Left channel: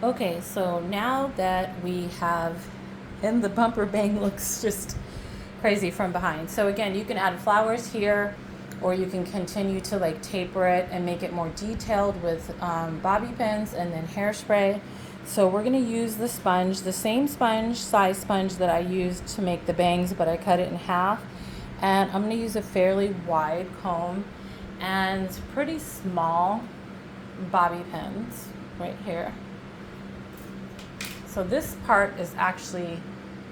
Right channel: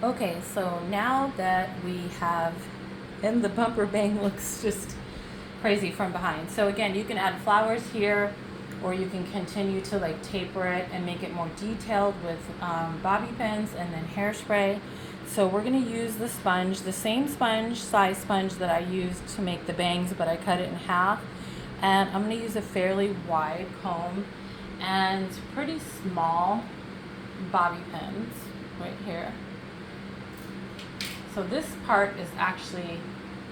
Okay, so now that we have, and the bumper bang looks just crazy from behind. So again, you can add flowers here, or you can continue to like taper it and make it more detailed with bobby pins and then hairspray. So we're gonna use the sponge, the same sponge, size sponge that I used to make the bangs, but I cut it in half. And I'm gonna use a fairly wide comb and pretty small bobby pins right here. So this part is actually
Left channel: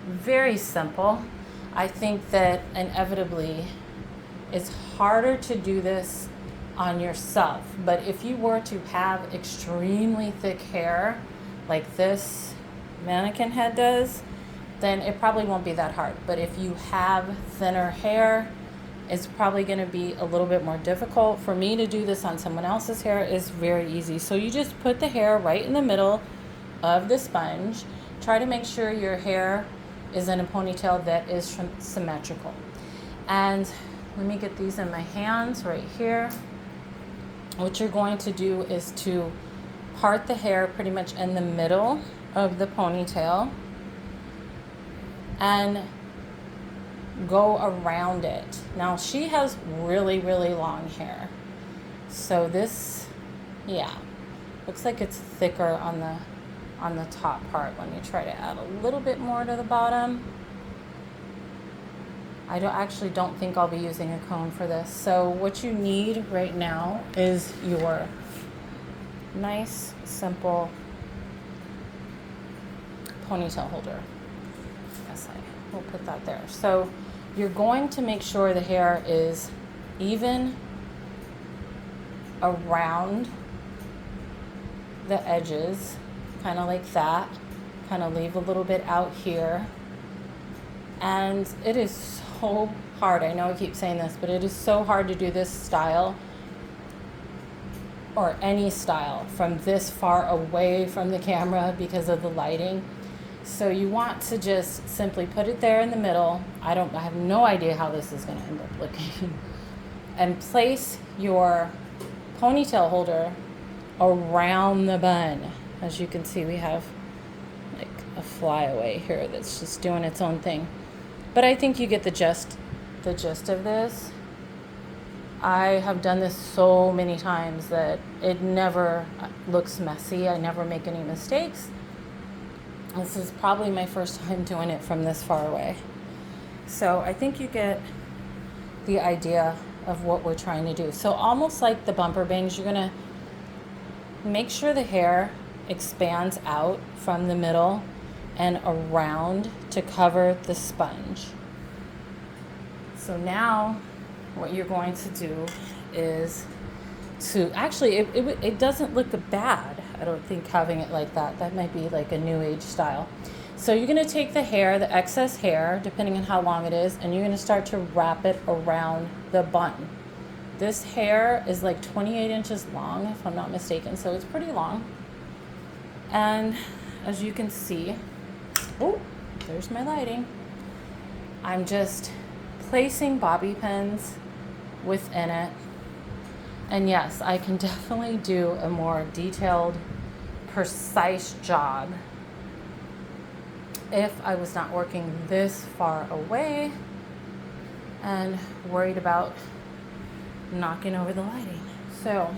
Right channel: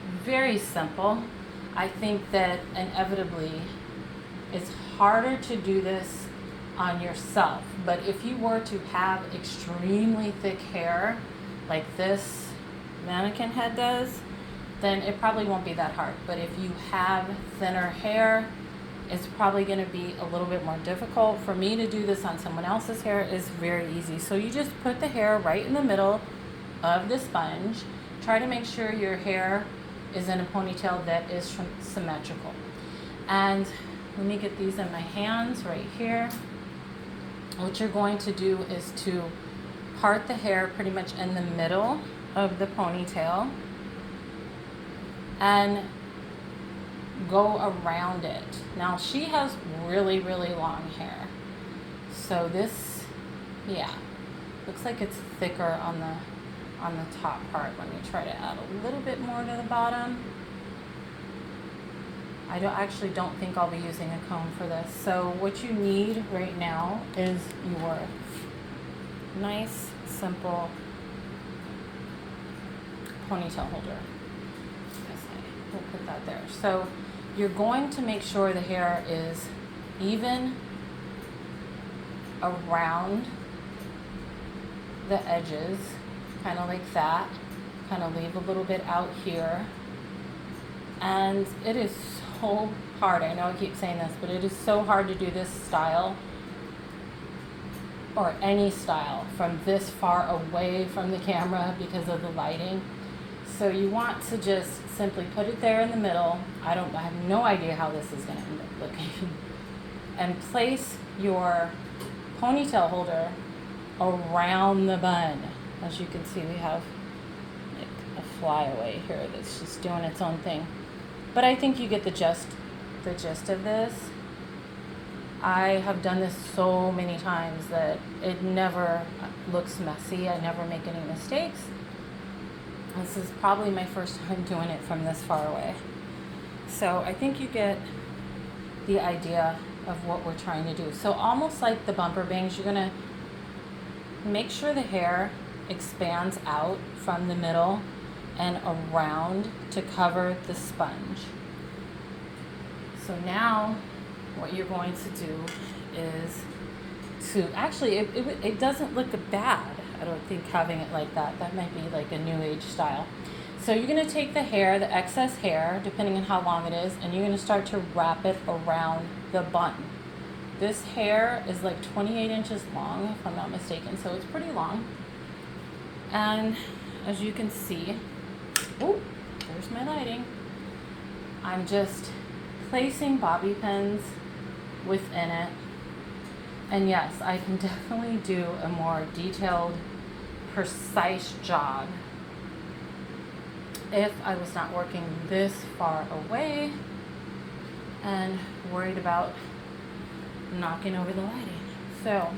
very simple. I think that inevitably it's harder to do this on yourself, but if you were to have extremely thick hair like this mannequin head does, then it probably won't be that hard. But if you have thinner hair, it's probably going to be a little bit more difficult. For me to do this on someone else's hair is very easy. So you just put the hair right in the middle of the sponge. Try to make sure your hair is in a ponytail that is symmetrical. And let me get these in my hands right here. What you're going to do is to part the hair pretty much in the middle of the ponytail and go around it. Now she has really, really long hair. So this, yeah, looks like it's thicker on the top part. Let me try to add a little bit more to the bottom. I actually don't think I'll be using a comb for this. So what you need right now is your nice, simple ponytail holder. Yes, we'll put that there. So you're going to make sure the hair is even around the edges, kind of like that. Kind of leave a little bit out here. And it is so hard. I know I keep saying this, but it is so hard to do this style or any style from this far away from the camera because of the lighting. So you want to just simply put it there in the middle. I have no idea how this is going to end up looking. And place your ponytail holder around the bun. As you can see, we have like a flyaway here that's just doing its own thing. But I think you get the gist of this. I have done this so many times that it never looks messy. I never make any mistakes. This is probably my first time doing it from this far away. So I think you get the idea of what we're trying to do. So almost like the bumper bangs, you're gonna make sure the hair expands out from the middle and around to cover the sponge. So now what you're going to do is to actually, it doesn't look bad. I don't think having it like that. That might be like a new age style. So you're going to take the hair, the excess hair, depending on how long it is, and you're going to start to wrap it around the bun. This hair is like 28 inches long, if I'm not mistaken, so it's pretty long. And as you can see, oh, there's my lighting. I'm just placing bobby pins within it. And yes, I can definitely do a more detailed, precise job if I was not working this far away and worried about knocking over the lighting. So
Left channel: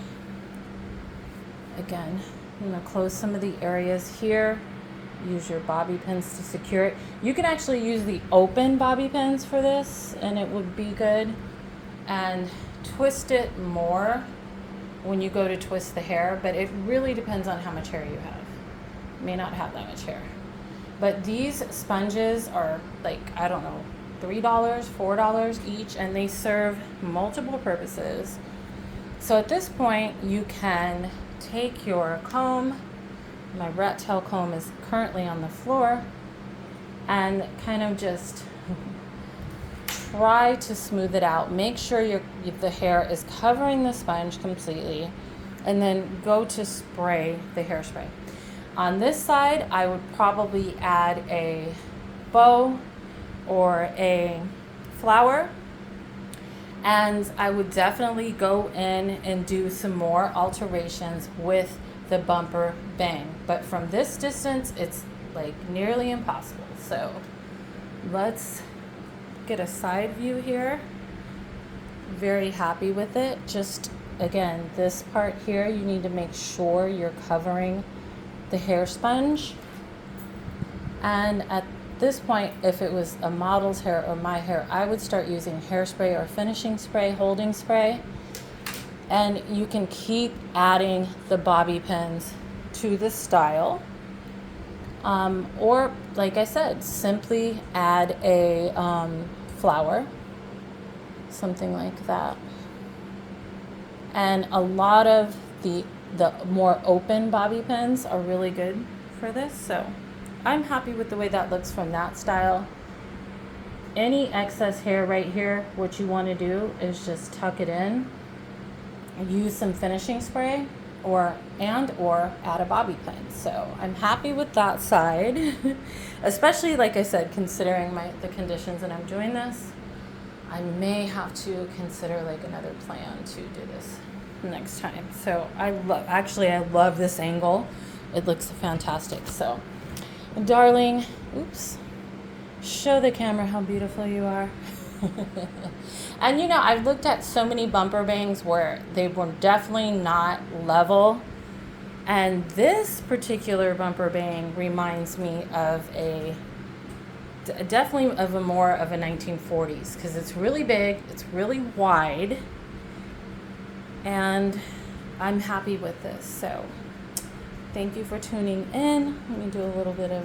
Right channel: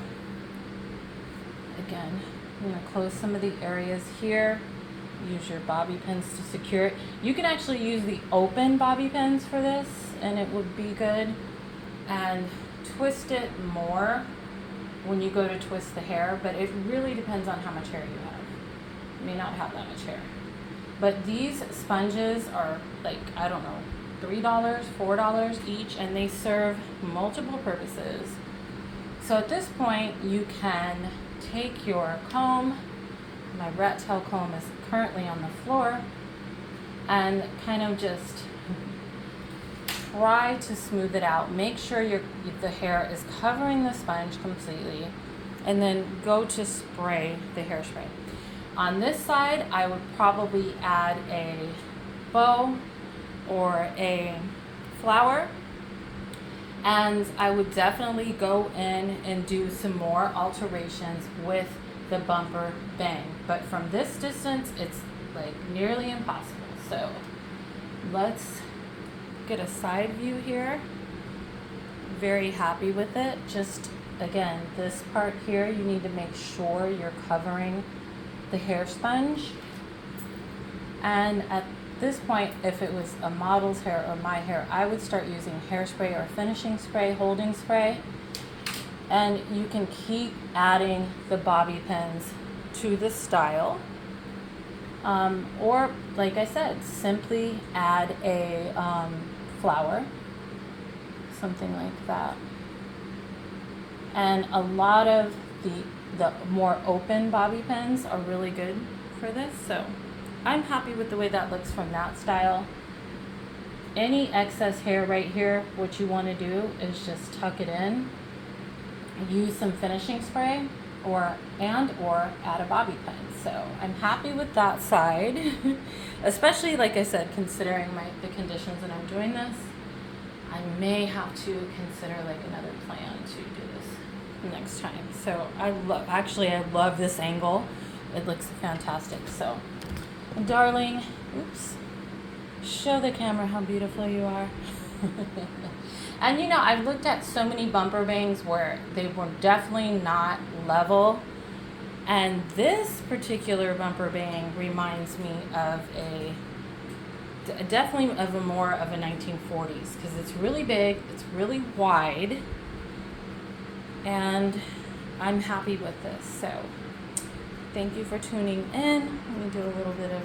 again, I'm going to close some of the areas here. Use your bobby pins to secure it. You can actually use the open bobby pins for this and it would be good. And twist it more when you go to twist the hair, but it really depends on how much hair you have. You may not have that much hair. But these sponges are like, I don't know, $3, $4 each, and they serve multiple purposes. So at this point, you can take your comb. My rat tail comb is currently on the floor, and kind of just try to smooth it out. Make sure the hair is covering the sponge completely, and then go to spray the hairspray. On this side, I would probably add a bow or a flower, and I would definitely go in and do some more alterations with the bumper bang. But from this distance, it's like nearly impossible. So let's get a side view here. Very happy with it. Just again, this part here, you need to make sure you're covering the hair sponge. And at this point, if it was a model's hair or my hair, I would start using hairspray or finishing spray, holding spray. And you can keep adding the bobby pins to the style. Or, like I said, simply add a flower, something like that. And a lot of the more open bobby pins are really good for this. So I'm happy with the way that looks from that style. Any excess hair right here, what you want to do is just tuck it in, use some finishing spray, or add a bobby pin. So I'm happy with that side, especially, like I said, considering the conditions that I'm doing this. I may have to consider like another plan to do this next time. So I love this angle. It looks fantastic. So darling, oops, show the camera how beautiful you are. And you know, I've looked at so many bumper bangs where they were definitely not level, and this particular bumper bang reminds me of definitely of a more of a 1940s, because it's really big, it's really wide, and I'm happy with this. So thank you for tuning in. Let me do a little bit of